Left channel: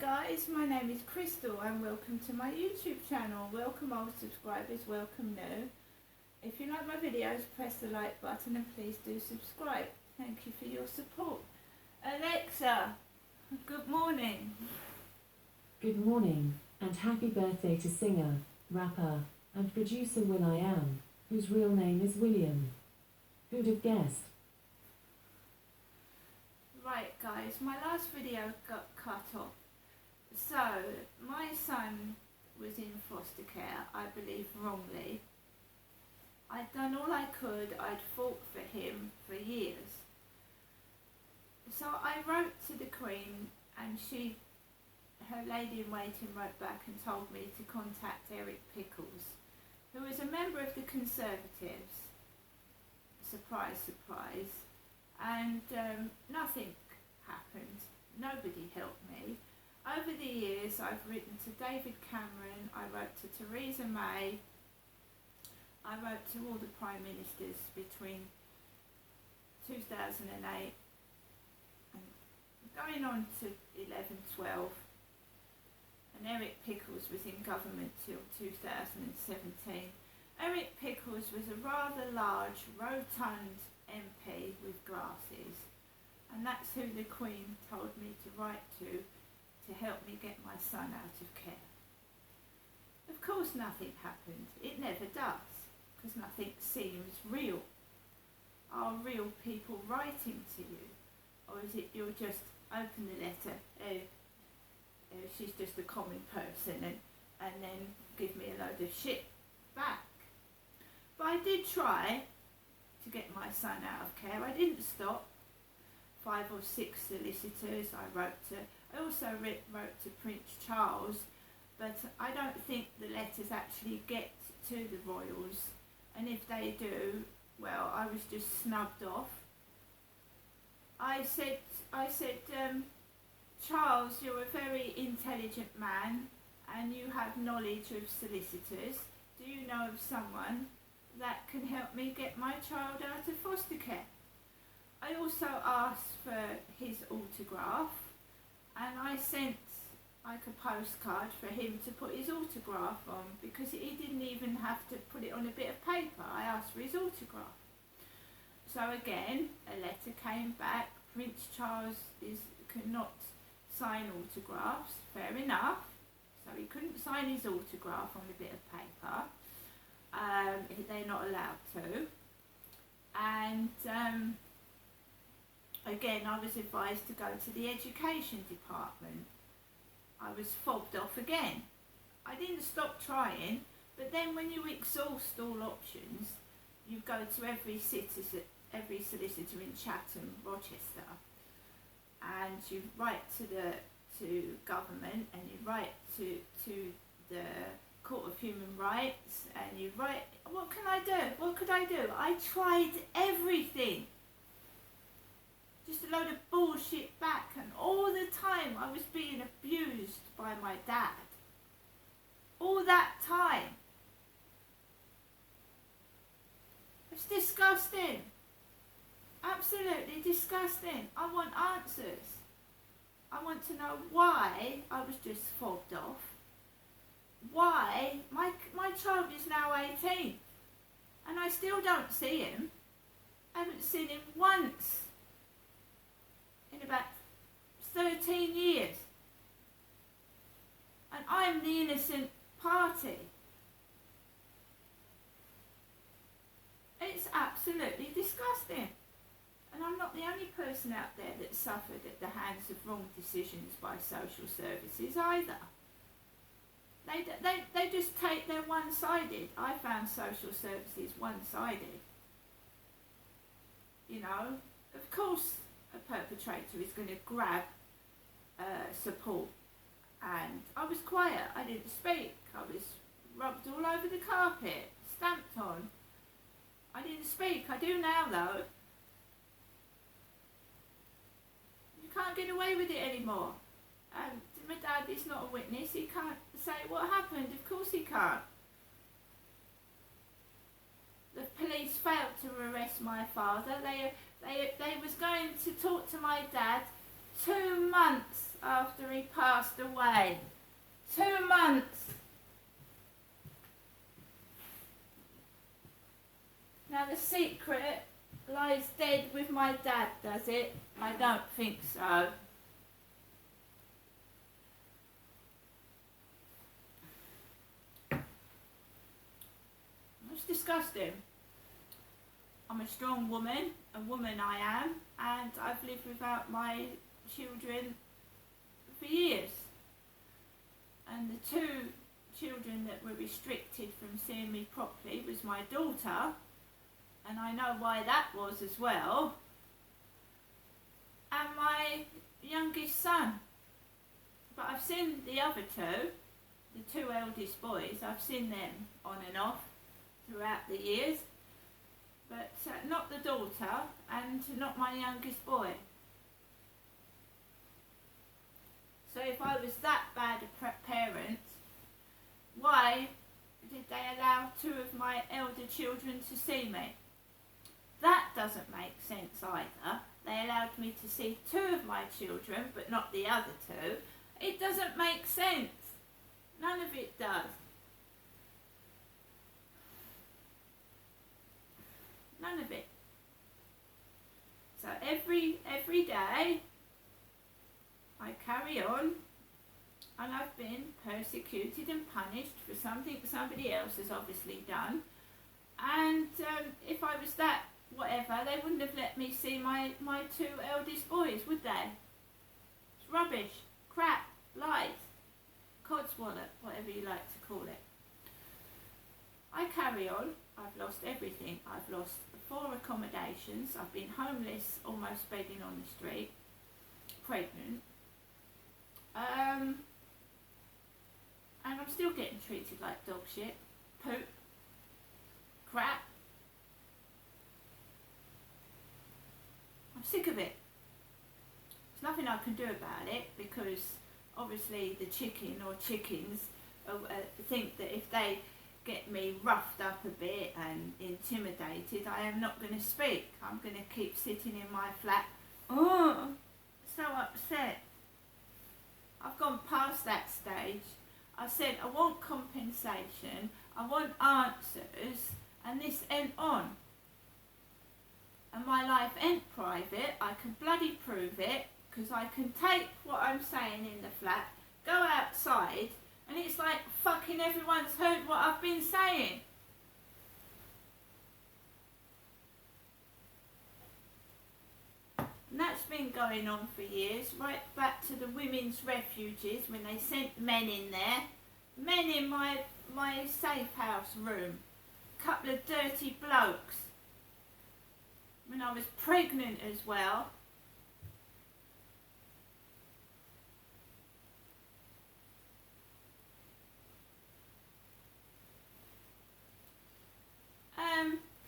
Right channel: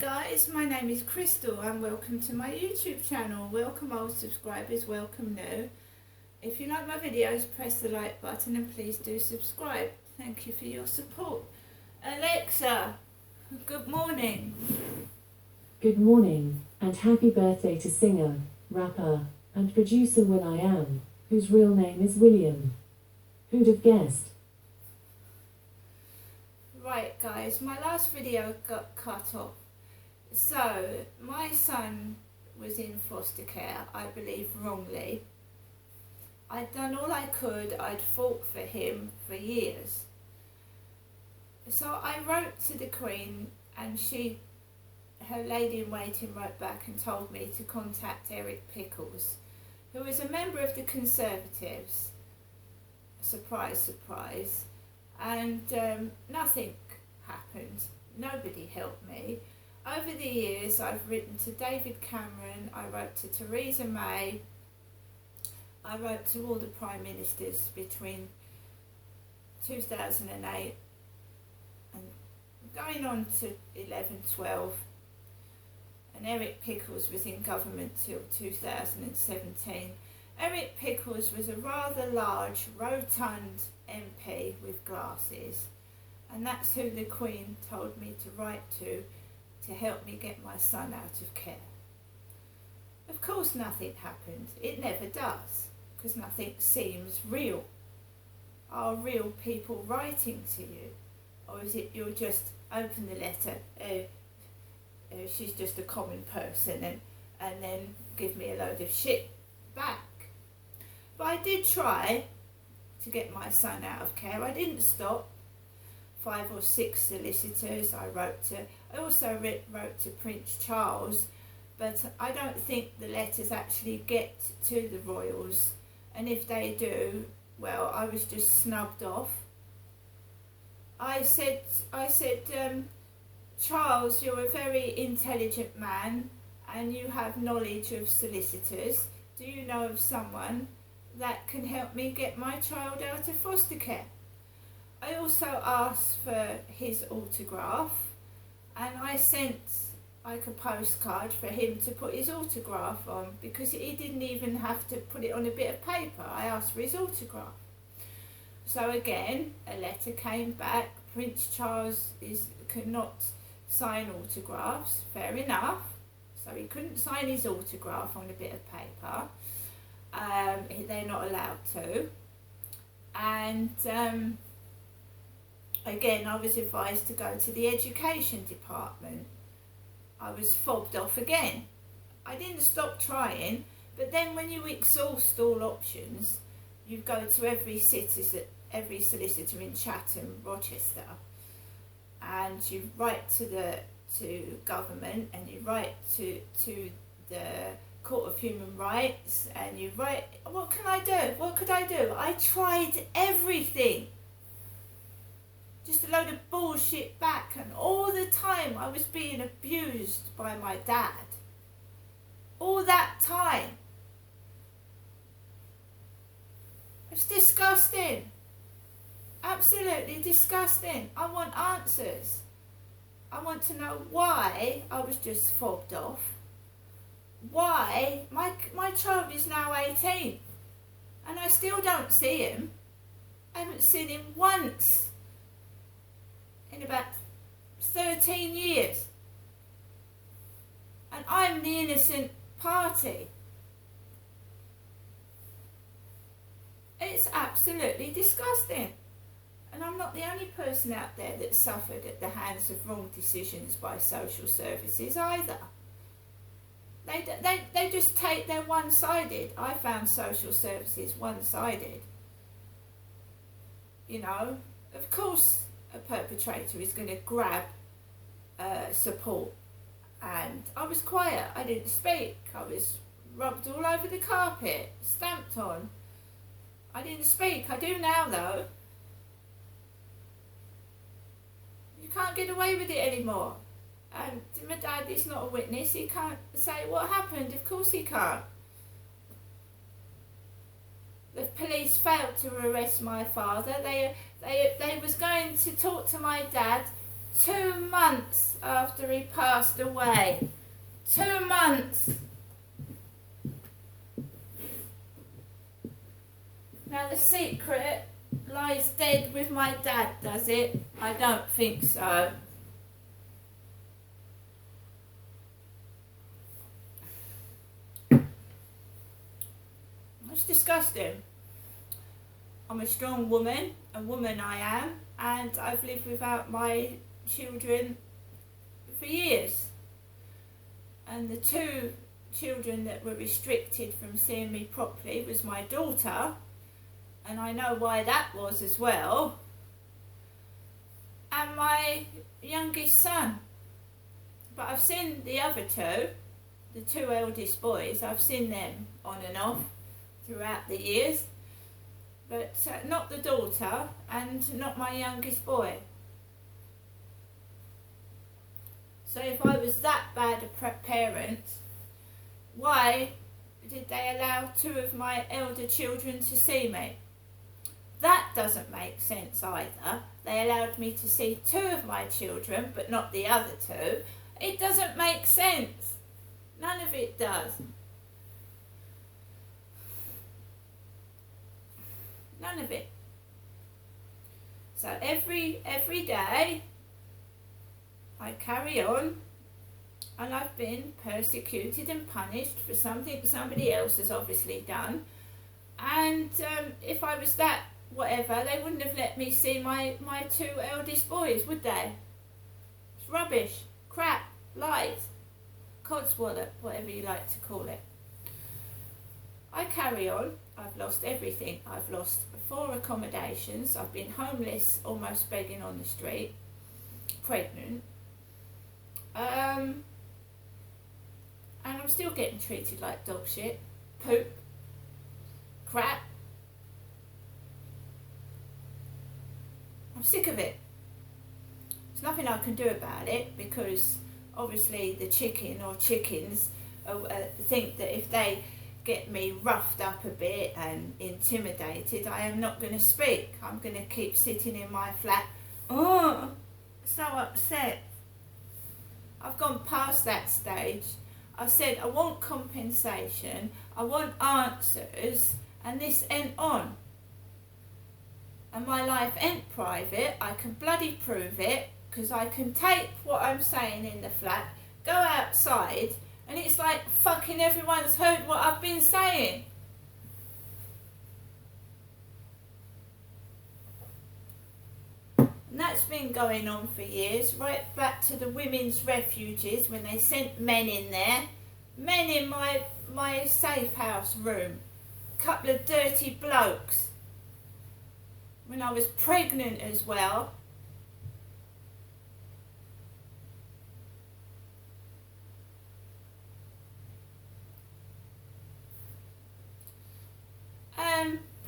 guys, my name is Crystal and welcome to my YouTube channel. Welcome old subscribers, welcome new. If you like my videos, press the like button and please do subscribe. Thank you for your support. Alexa, good morning. Good morning, and happy birthday to singer, rapper, and producer will.i.am, whose real name is William. Who'd have guessed? Right guys, my last video got cut off. So, my son was in foster care, I believe wrongly. I'd done all I could, I'd fought for him for years. So I wrote to the Queen and her lady in waiting wrote back and told me to contact Eric Pickles, who is a member of the Conservatives. Surprise, surprise. And nothing happened. Nobody helped me. Over the years, I've written to David Cameron, I wrote to Theresa May, I wrote to all the Prime Ministers between 2008 and going on to 11-12, and Eric Pickles was in government till 2017. Eric Pickles was a rather large, rotund MP with glasses, and that's who the Queen told me to write to help me get my son out of care. Of course nothing happened. It never does, because nothing seems real. Are real people writing to you? Or is it you'll just open the letter, she's just a common person, and then give me a load of shit back? But I did try to get my son out of care. I didn't stop. 5 or 6 solicitors I wrote to. I also wrote to Prince Charles, but I don't think the letters actually get to the royals, and if they do, well, I was just snubbed off. I said, Charles, you're a very intelligent man and you have knowledge of solicitors. Do you know of someone that can help me get my child out of foster care? I also asked for his autograph, and I sent like a postcard for him to put his autograph on, because he didn't even have to put it on a bit of paper. I asked for his autograph. So again, a letter came back. Prince Charles cannot sign autographs, fair enough. So he couldn't sign his autograph on a bit of paper. They're not allowed to. And again, I was advised to go to the education department. I was fobbed off again. I didn't stop trying, but then when you exhaust all options, you go to every solicitor in Chatham, Rochester, and you write to government, and you write to the Court of Human Rights, and you write, what can I do? What could I do? I tried everything. Just a load of bullshit back, and all the time I was being abused by my dad. All that time. It's disgusting. Absolutely disgusting. I want answers. I want to know why I was just fobbed off. Why my child is now 18 and I still don't see him. I haven't seen him once in about 13 years. And I'm the innocent party. It's absolutely disgusting. And I'm not the only person out there that suffered at the hands of wrong decisions by social services either. They just take, they're one-sided. I found social services one-sided. You know, of course a perpetrator is going to grab support, and I was quiet, I didn't speak, I was rubbed all over the carpet, stamped on. I didn't speak. I do now though. You can't get away with it anymore. My dad is not a witness, he can't say what happened, of course he can't. The police failed to arrest my father. They was going to talk to my dad 2 months after he passed away. 2 months. Now the secret lies dead with my dad, does it? I don't think so. It's disgusting. I'm a strong woman, a woman I am, and I've lived without my children for years. And the 2 children that were restricted from seeing me properly was my daughter, and I know why that was as well, and my youngest son. But I've seen the other 2, the 2 eldest boys, I've seen them on and off throughout the years, but not the daughter and not my youngest boy. So if I was that bad a parent, why did they allow 2 of my elder children to see me? That doesn't make sense either. They allowed me to see 2 of my children, but not the other 2. It doesn't make sense. None of it does. None of it. So every day I carry on, and I've been persecuted and punished for something somebody else has obviously done. And if I was that whatever, they wouldn't have let me see my 2 eldest boys, would they? It's rubbish, crap, lies, codswallop, whatever you like to call it. I carry on. I've lost everything. I've lost 4 accommodations. I've been homeless, almost begging on the street, pregnant. And I'm still getting treated like dog shit, poop, crap. I'm sick of it. There's nothing I can do about it, because obviously the chicken or chickens think that if they get me roughed up a bit and intimidated, I am not going to speak. I'm going to keep sitting in my flat. Oh, so upset. I've gone past that stage. I said I want compensation, I want answers, and this ain't on. And my life ain't private. I can bloody prove it, because I can tape what I'm saying in the flat, go outside, and it's like fucking everyone's heard what I've been saying. And that's been going on for years, right back to the women's refuges, when they sent men in there. Men in my safe house room. Couple of dirty blokes. When I was pregnant as well.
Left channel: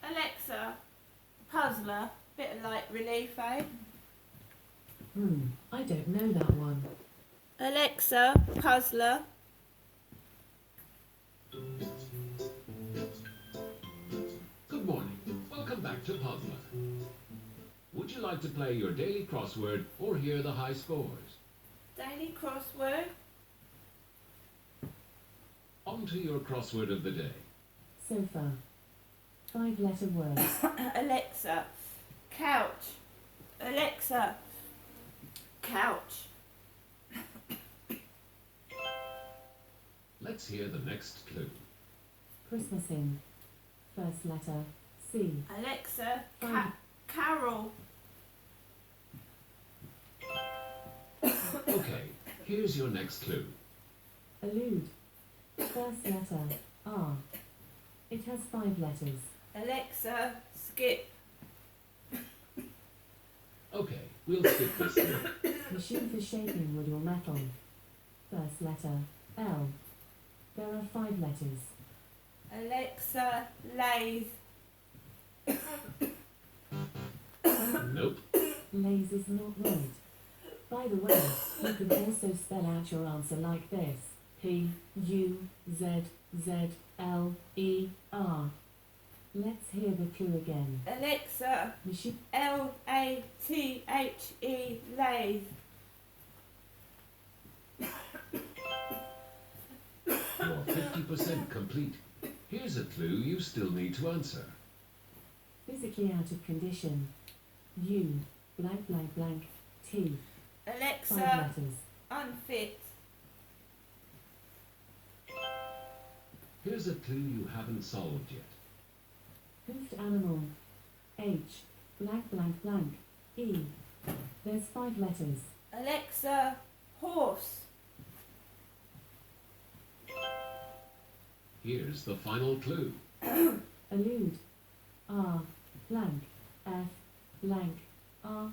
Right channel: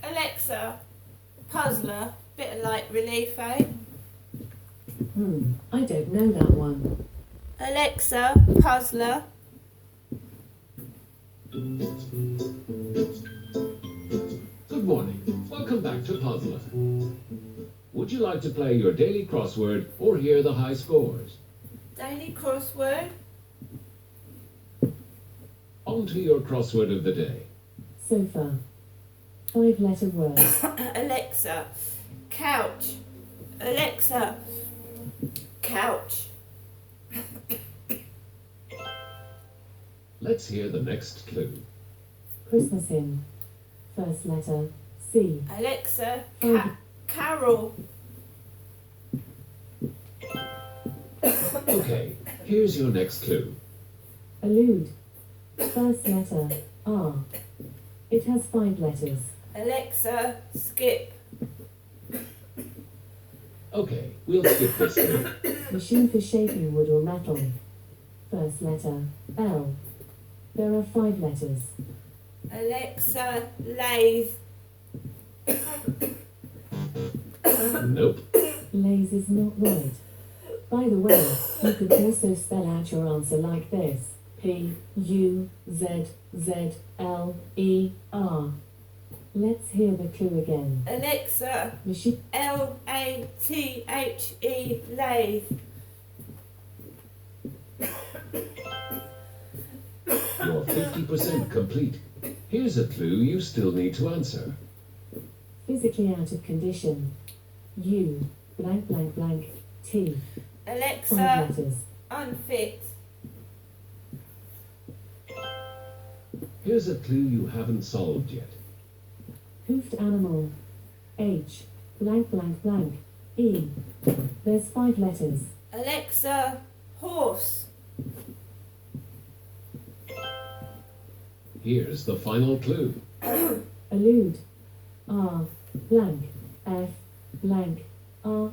Alexa, puzzler, bit of light relief, eh? I don't know that one. Alexa, puzzler. Good morning. Welcome back to Puzzler. Would you like to play your daily crossword or hear the high scores? Daily crossword. On to your crossword of the day. Sofa. 5-letter word. Alexa, couch. Alexa, couch. Let's hear the next clue. Christmas hymn. 1st letter, C. Alexa, Oh. carol. Okay, here's your next clue. Allude. 1st letter, R. It has 5 letters. Alexa, skip. Okay, we'll skip this clue. Machine for shaping wood or metal. 1st letter, L. There are 5 letters. Alexa, lathe. Nope. Lathe is not right. By the way, you could also spell out your answer like this. P-U-Z-Z-L-E-R. Let's hear the clue again. Alexa, Machine. L-A-T-H-E, lathe. You're 50% complete. Here's a clue you still need to answer. Physically out of condition. U, blank blank blank, T. 5 Alexa, letters. unfit. Here's a clue you haven't solved yet. Hoofed animal. H, blank blank blank, E. There's 5 letters. Alexa, horse. Here's the final clue. Allude. R, blank, F, blank, R.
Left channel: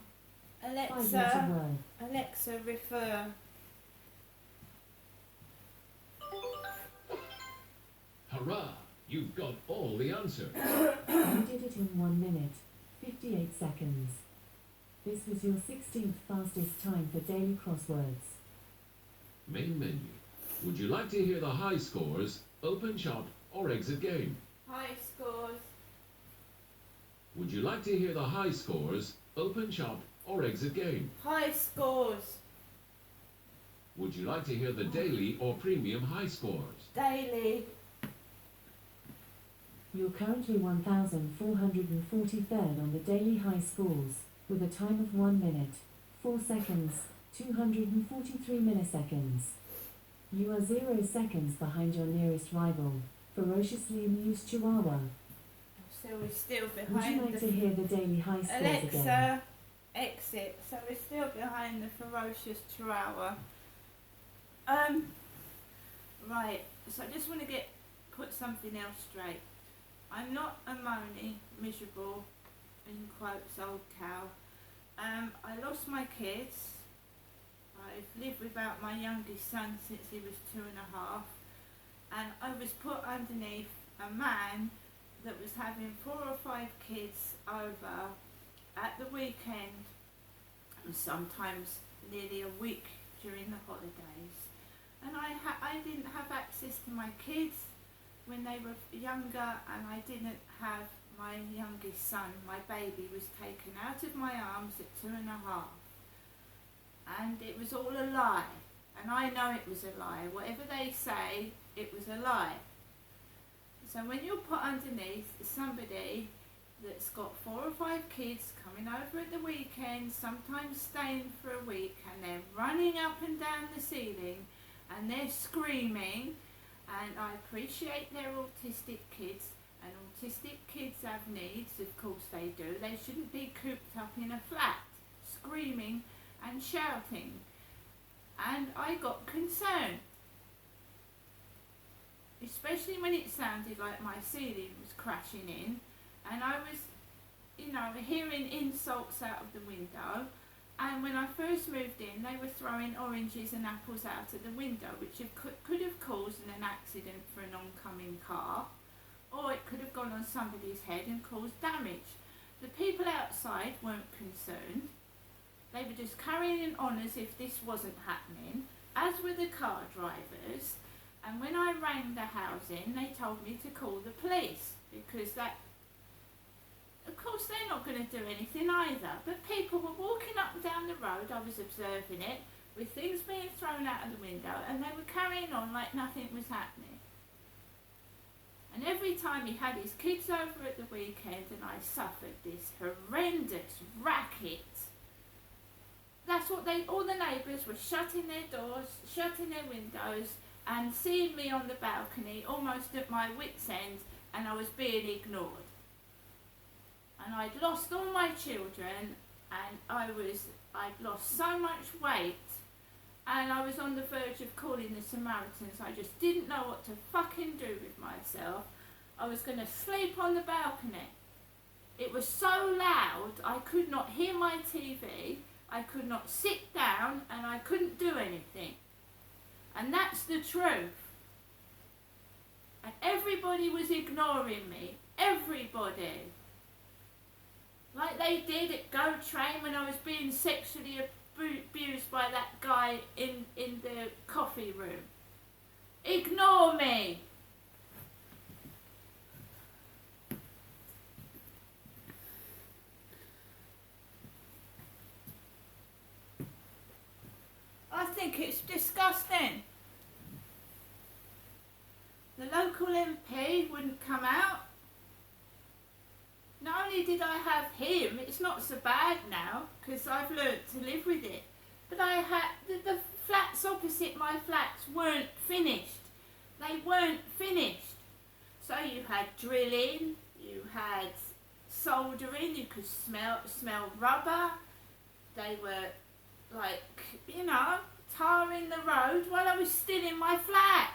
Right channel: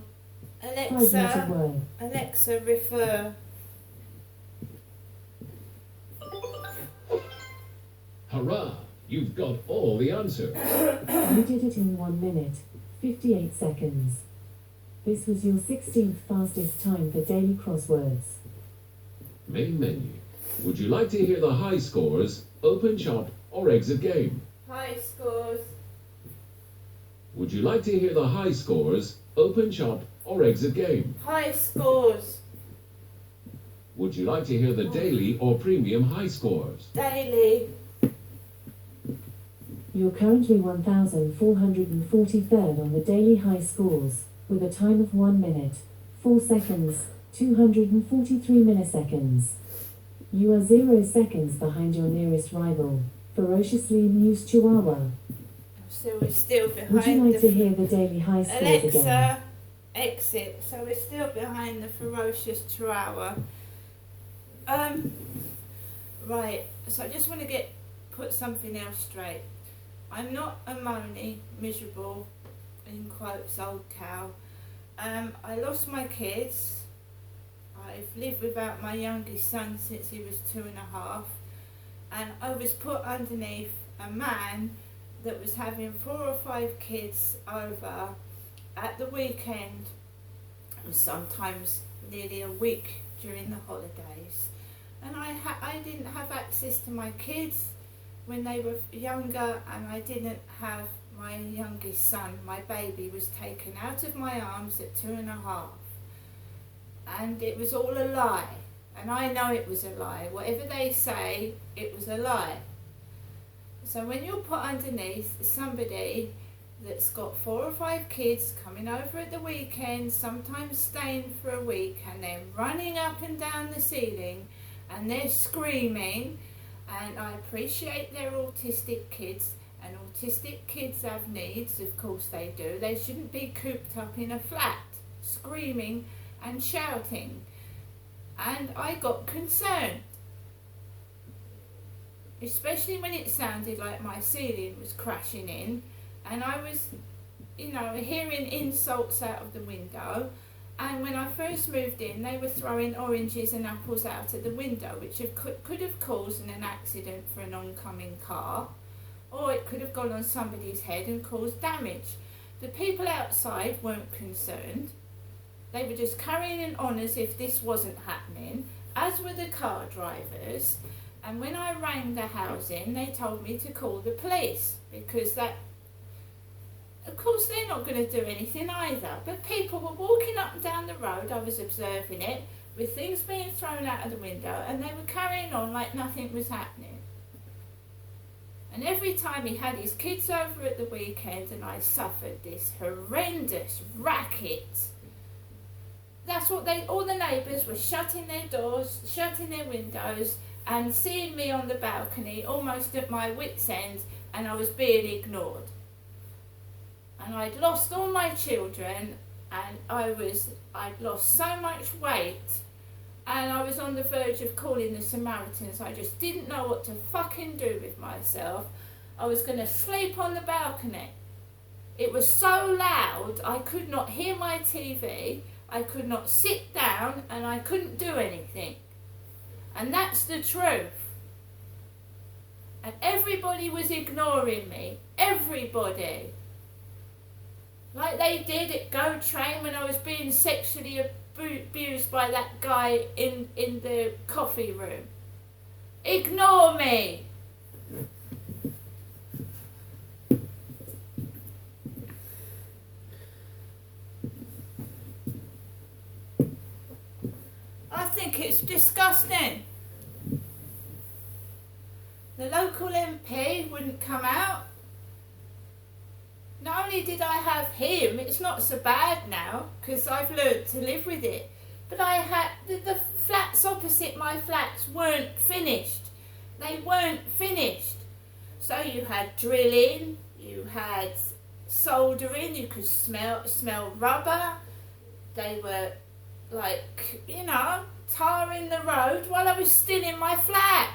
5-letter Alexa, word. Alexa, refer. Hurrah! You've got all the answers. You did it in 1 minute, 58 seconds. This was your 16th fastest time for daily crosswords. Main menu. Would you like to hear the high scores, open shop, or exit game? High scores. Would you like to hear the high scores, open shop, or exit game? High scores. Would you like to hear the daily or premium high scores? Daily. You're currently 1,443rd on the daily high scores, with a time of 1 minute, 4 seconds, 243 milliseconds. You are 0 seconds behind your nearest rival, ferociously amused Chihuahua. So we're still behind Would you like to the hear the daily high scores again? Alexa, exit. So we're still behind the ferocious Chihuahua. Right. So I just want to put something else straight. I'm not a moany, miserable, in quotes, old cow. I lost my kids. I've lived without my youngest son since he was 2.5, and I was put underneath a man that was having 4 or 5 kids over at the weekend, and sometimes nearly a week during the holidays. And I didn't have access to my kids when they were younger, and I didn't have my youngest son. My baby was taken out of my arms at 2.5. And it was all a lie. And I know it was a lie. Whatever they say, it was a lie. So when you're put underneath somebody that's got 4 or 5 kids coming over at the weekend, sometimes staying for a week, and they're running up and down the ceiling, and they're screaming, and I appreciate they're autistic kids, and autistic kids have needs, of course they do. They shouldn't be cooped up in a flat, screaming and shouting. And I got concerned, especially when it sounded like my ceiling was crashing in, and I was, hearing insults out of the window. And when I first moved in, they were throwing oranges and apples out of the window, which could have caused an accident for an oncoming car, or it could have gone on somebody's head and caused damage. The people outside weren't concerned. They were just carrying on as if this wasn't happening, as were the car drivers. And when I rang the housing, they told me to call the police, because of course they're not going to do anything either. But people were walking up and down the road, I was observing it, with things being thrown out of the window, and they were carrying on like nothing was happening. And every time he had his kids over at the weekend and I suffered this horrendous racket, that's what all the neighbours were shutting their doors, shutting their windows, and seeing me on the balcony almost at my wit's end, and I was being ignored. And I'd lost all my children, and I'd lost so much weight, and I was on the verge of calling the Samaritans. I just didn't know what to fucking do with myself. I was going to sleep on the balcony. It was so loud, I could not hear my TV, I could not sit down, and I couldn't do anything. And that's the truth. And everybody was ignoring me. Everybody. Like they did at Go Train when I was being sexually abused by that guy in the coffee room. Ignore me. I think it's disgusting. the local MP wouldn't come out. Not only did I have him, it's not so bad now because I've learnt to live with it, but I had the flats opposite my flats weren't finished. They weren't finished. So you had drilling, you had soldering, you could smell rubber. They were like, you know, tarring the road while I was still in my flat.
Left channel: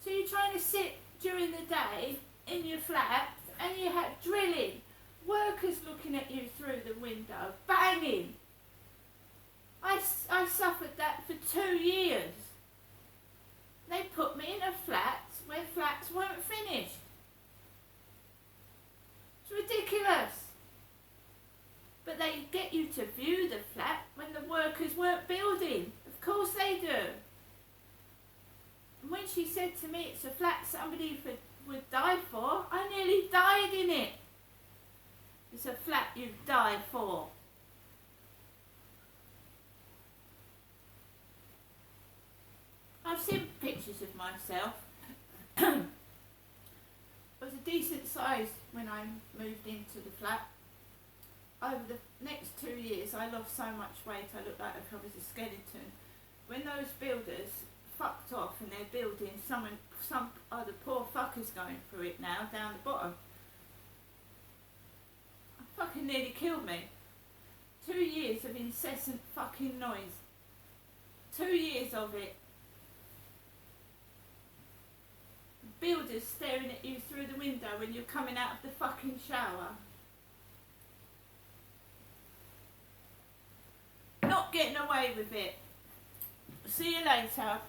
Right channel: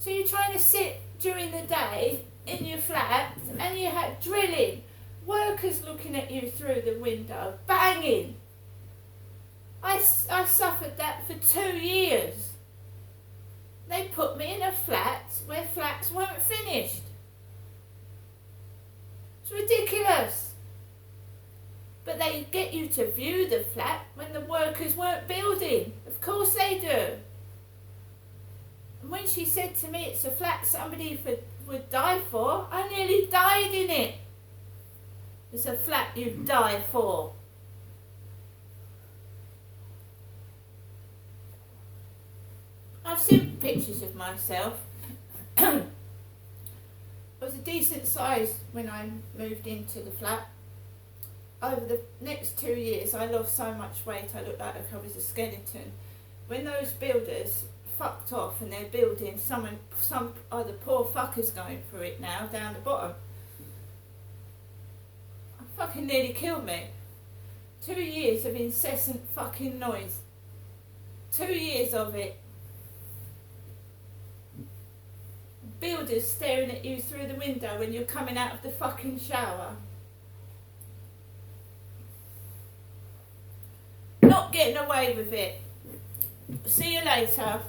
So you're trying to sit during the day in your flat and you had drilling, workers looking at you through the window, banging. I suffered that for 2 years. They put me in a flat where flats weren't finished. It's ridiculous. But they get you to view the flat when the workers weren't building. Of course they do. And when she said to me it's a flat somebody would die for, I nearly died in it. It's a flat you'd die for. I've seen pictures of myself. I was a decent size when I moved into the flat. Over the next 2 years I lost so much weight I looked like I was a skeleton. When those builders fucked off and they're building, some other poor fuckers going through it now down the bottom. Fucking nearly killed me. 2 years of incessant fucking noise. 2 years of it. Builders staring at you through the window when you're coming out of the fucking shower. Not getting away with it. See you later.